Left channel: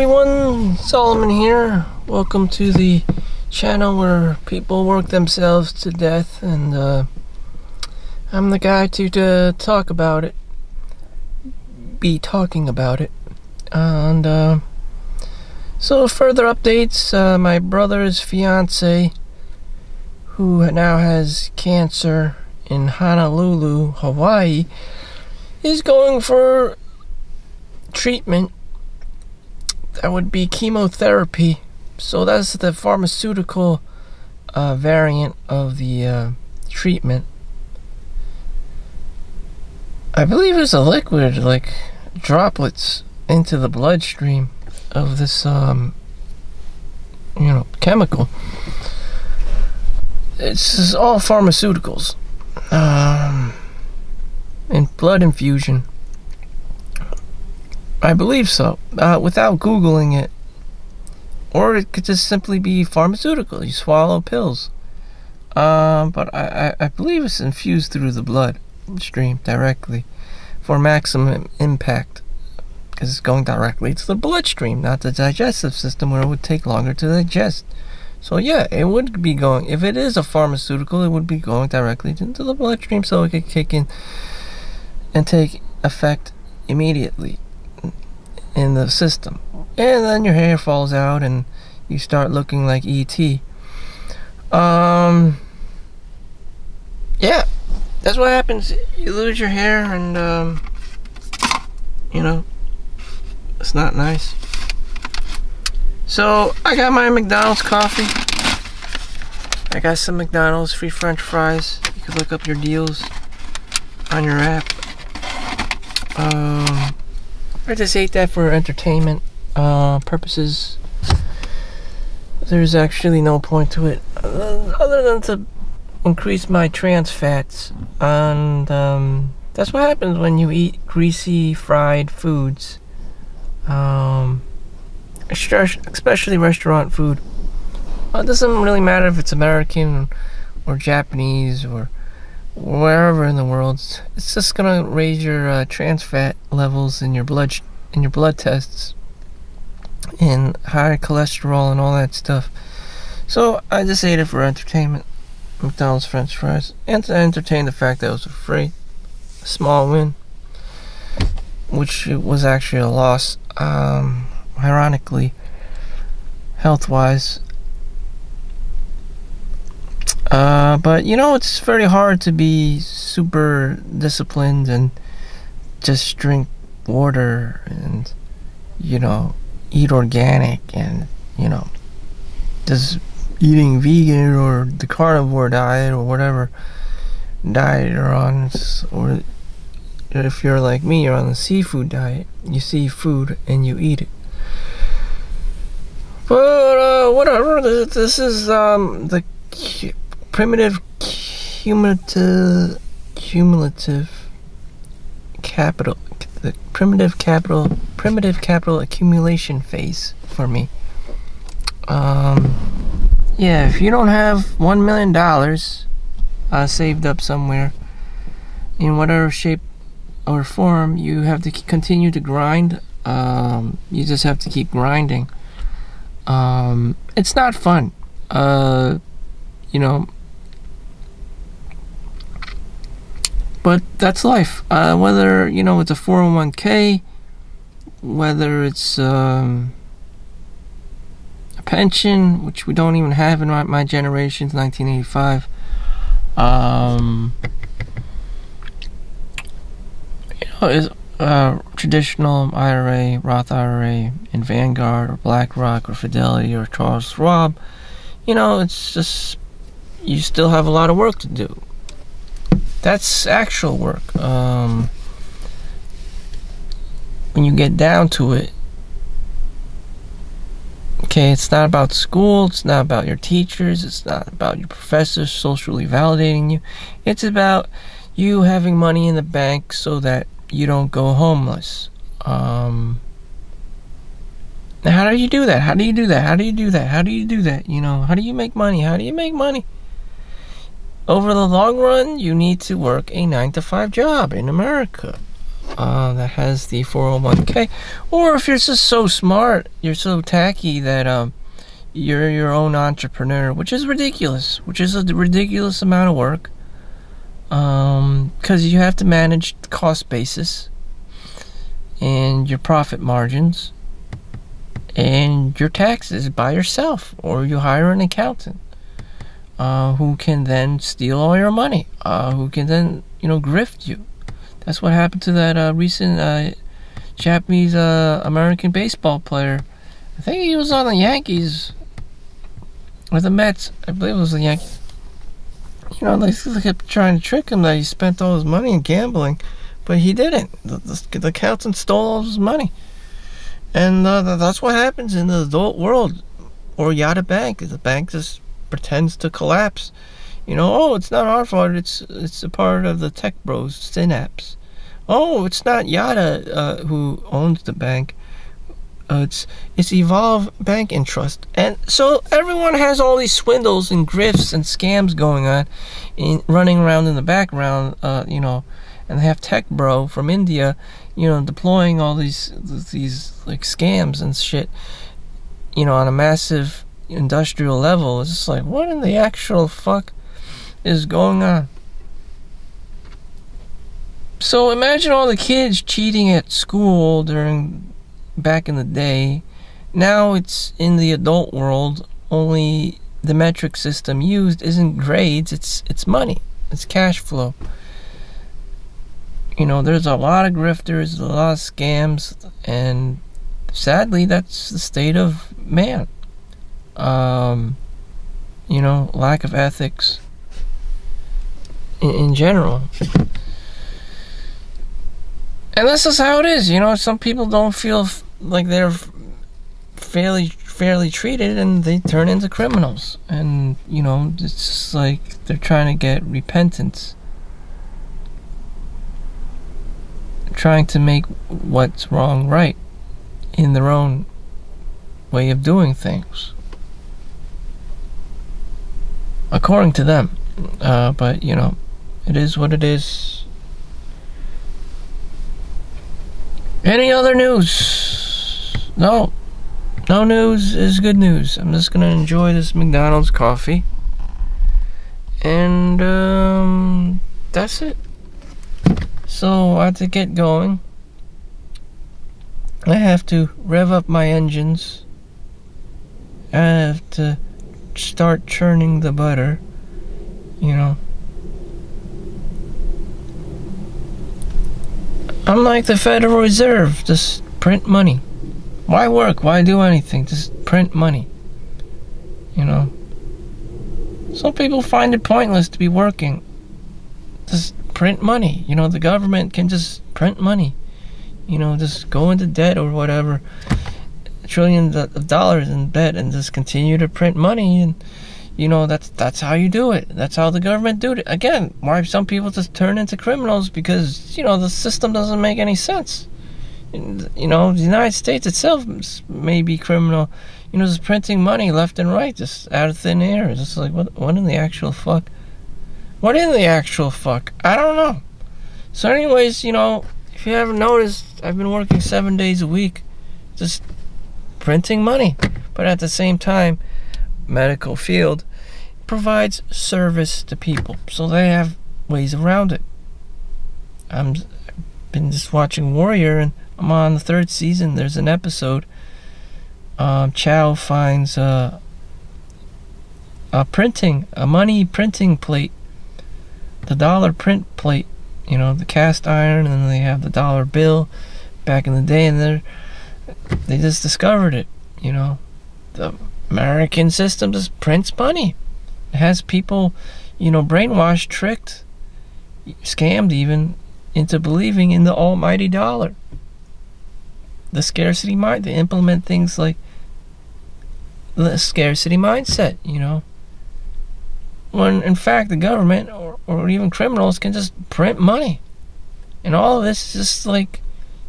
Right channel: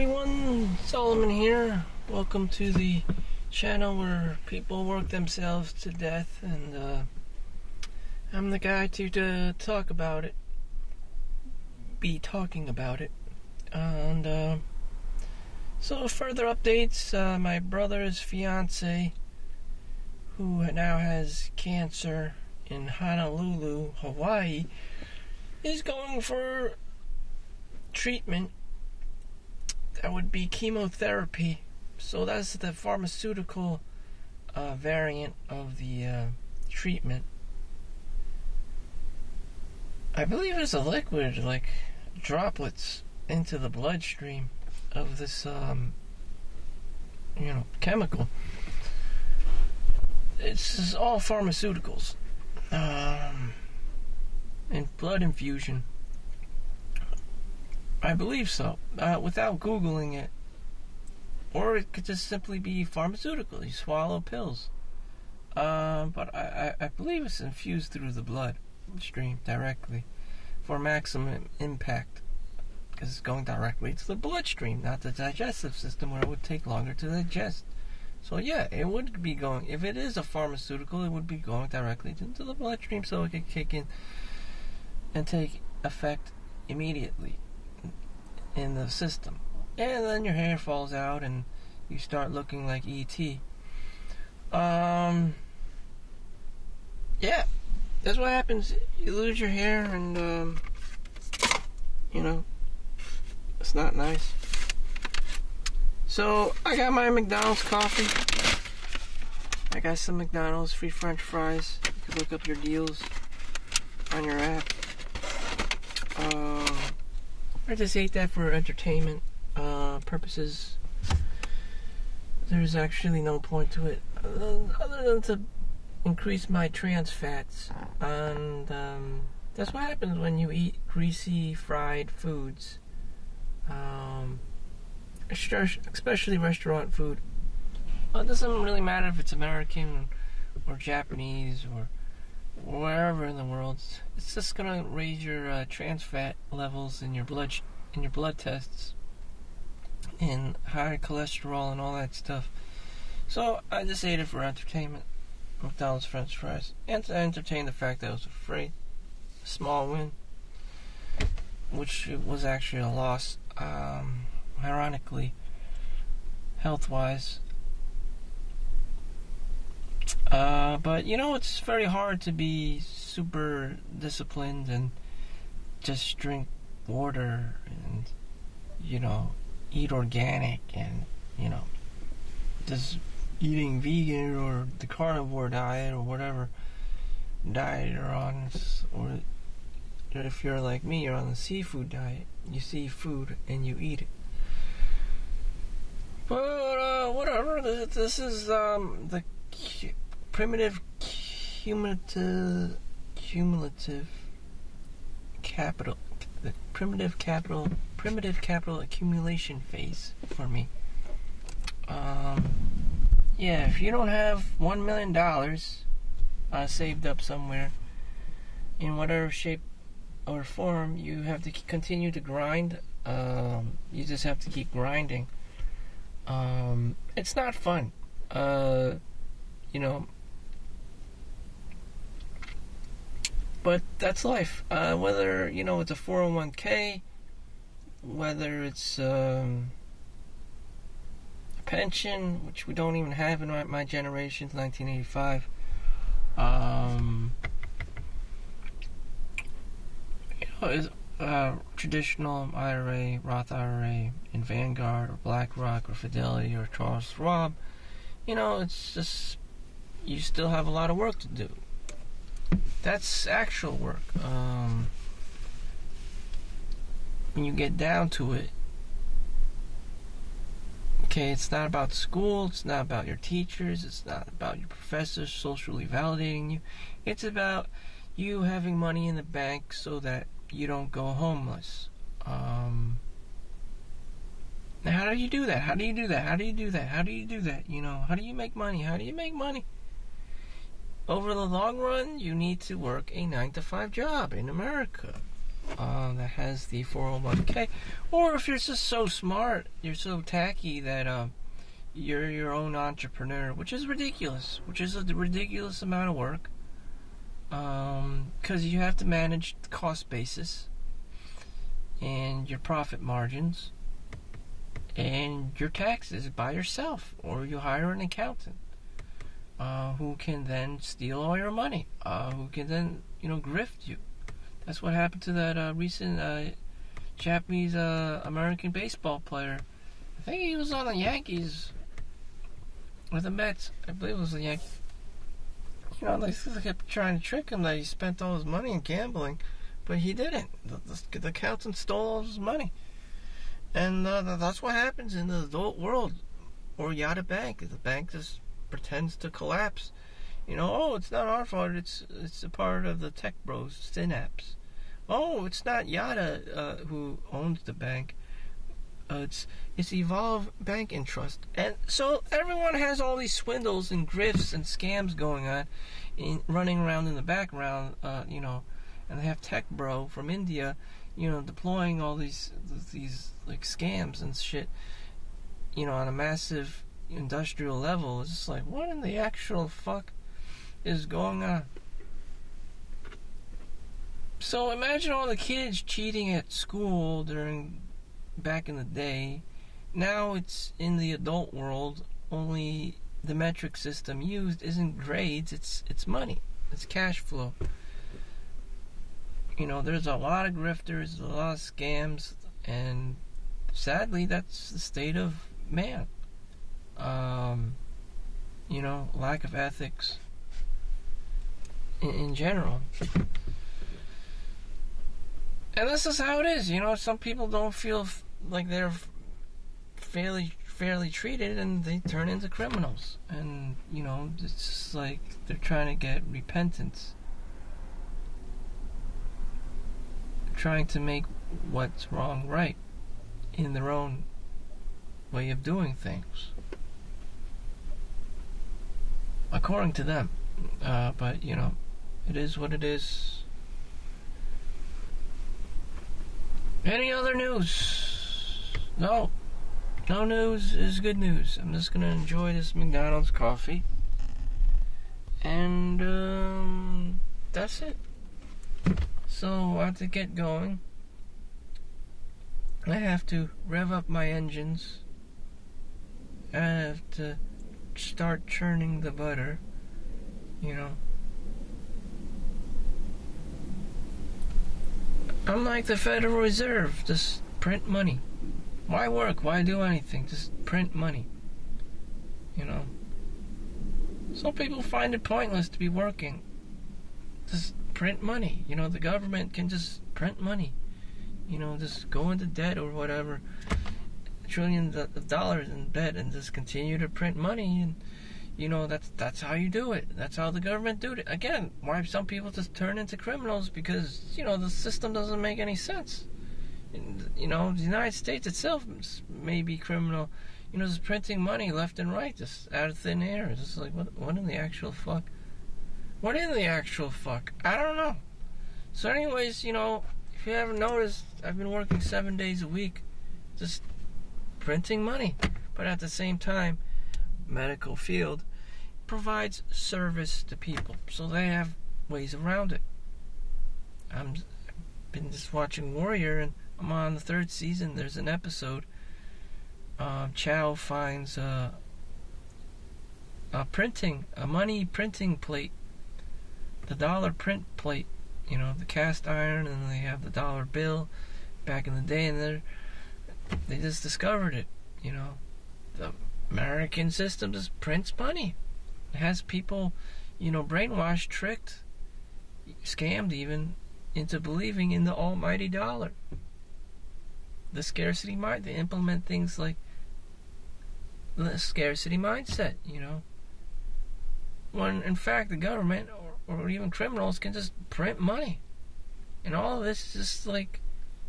everyone, Solomon here. Welcome to the channel where people work themselves to death, and I'm the guy to talk about it, be talking about it. And so further updates, my brother's fiance, who now has cancer in Honolulu, Hawaii, is going for treatment. That would be chemotherapy. So that's the pharmaceutical variant of the treatment. I believe it's a liquid, like droplets into the bloodstream of this chemical. It's all pharmaceuticals and blood infusion. I believe so, without Googling it. Or it could just simply be pharmaceutical. You swallow pills. But I believe it's infused through the bloodstream directly for maximum impact. Because it's going directly to the bloodstream, not the digestive system, where it would take longer to digest. So yeah, it would be going, if it is a pharmaceutical, it would be going directly into the bloodstream, so it could kick in and take effect immediately in the system. And then your hair falls out and you start looking like E.T. Yeah, that's what happens. You lose your hair, and it's not nice. So I got my McDonald's coffee. I got some McDonald's free French fries. You can look up your deals on your app. I just ate that for entertainment purposes. There's actually no point to it other than to increase my trans fats, and that's what happens when you eat greasy fried foods, especially restaurant food. It doesn't really matter if it's American or Japanese or wherever in the world. It's just gonna raise your trans fat levels in your blood tests, and high cholesterol and all that stuff. So I just ate it for entertainment, McDonald's French fries, and to entertain the fact that it was free. A small win, which was actually a loss, ironically, health-wise. But it's very hard to be super disciplined and just drink water and eat organic and just eating vegan or the carnivore diet or whatever diet you're on. Or if you're like me, you're on the seafood diet. You see food and you eat it. But whatever, this is the primitive cumulative capital, the primitive capital accumulation phase for me. Yeah, if you don't have $1 million saved up somewhere in whatever shape or form, you have to continue to grind. You just have to keep grinding. It's not fun, but that's life. Whether it's a 401k, whether it's a pension, which we don't even have in my generation's 1985. Is traditional IRA, Roth IRA, in Vanguard or BlackRock or Fidelity or Charles Schwab. It's just, you still have a lot of work to do. That's actual work. When you get down to it, okay, it's not about school, it's not about your teachers, it's not about your professors socially validating you. It's about you having money in the bank so that you don't go homeless. Now, how do you do that? How do you do that? How do you do that? How do you do that? How do you make money? How do you make money? Over the long run, you need to work a 9-to-5 job in America. that has the 401k, or if you're just so smart, you're so tacky that you're your own entrepreneur, which is ridiculous, which is a ridiculous amount of work, because you have to manage the cost basis and your profit margins and your taxes by yourself, or you hire an accountant who can then steal all your money, who can then, grift you. That's what happened to that recent Japanese American baseball player. I think he was on the Yankees or the Mets. I believe it was the Yankees. They kept trying to trick him that he spent all his money in gambling, but he didn't. The accountant stole all his money. And that's what happens in the adult world. Or you at a bank. The bank just pretends to collapse. It's not our fault. It's a part of the tech bros, Synapse. Oh, it's not Yada who owns the bank. It's Evolve Bank and Trust. And so everyone has all these swindles and grifts and scams going on, running around in the background, and they have Tech Bro from India, deploying all these like scams and shit, on a massive industrial level. It's just like, what in the actual fuck is going on? So imagine all the kids cheating at school back in the day. Now it's in the adult world, only the metric system used isn't grades, it's money. It's cash flow. There's a lot of grifters, a lot of scams, and sadly that's the state of man. Lack of ethics in general. And this is how it is. Some people don't feel like they're fairly treated, and they turn into criminals. And, it's just like they're trying to get repentance. Trying to make what's wrong right in their own way of doing things. According to them. But, it is what it is. Any other news? No news is good news. I'm just gonna enjoy this McDonald's coffee. And, that's it. So, I have to get going. I have to rev up my engines. I have to start churning the butter. I'm like the Federal Reserve, just print money. Why work? Why do anything? Just print money. Some people find it pointless to be working. Just print money. The government can just print money. Just go into debt or whatever. Trillions of dollars in debt and just continue to print money. And, that's how you do it. That's how the government do it. Again, why some people just turn into criminals? Because, the system doesn't make any sense. The United States itself may be criminal. Just printing money left and right, just out of thin air. It's just like, what in the actual fuck? What in the actual fuck? I don't know. So anyways, if you haven't noticed, I've been working 7 days a week, just printing money. But at the same time, medical field provides service to people, so they have ways around it. I've been just watching Warrior, and I'm on the 3rd season. There's an episode. Chau finds a money printing plate, the dollar print plate, the cast iron, and then they have the dollar bill back in the day, and they just discovered it. The American system just prints money. It has people, brainwashed, tricked, scammed even, into believing in the almighty dollar. The scarcity mind. They implement things like the scarcity mindset, when in fact the government or even criminals can just print money. And all of this is just like,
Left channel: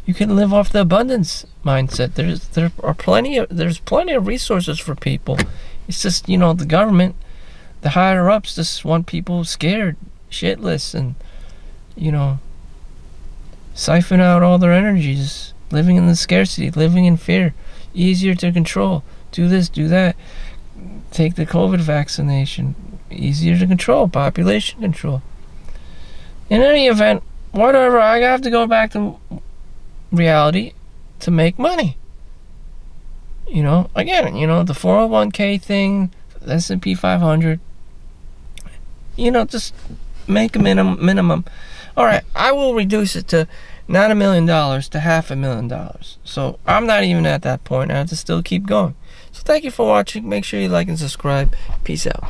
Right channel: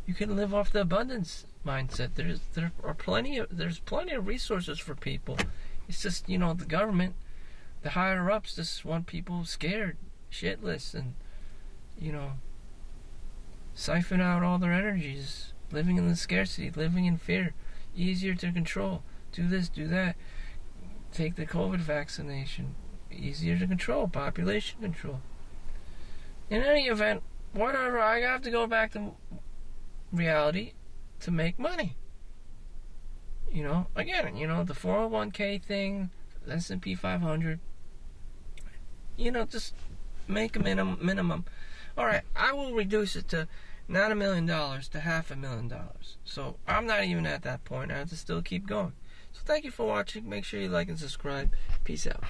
you can live off the abundance mindset. There's plenty of resources for people. It's just, the government, the higher ups just want people scared, shitless, and, siphon out all their energies, living in the scarcity, living in fear, easier to control, do this, do that, take the COVID vaccination, easier to control, population control. In any event, whatever, I have to go back to reality to make money. You know, again, you know, the 401k thing, the S&P 500, you know, just make a minimum. All right, I will reduce it to not $1 million to $500,000. So I'm not even at that point. I have to still keep going. So thank you for watching. Make sure you like and subscribe. Peace out.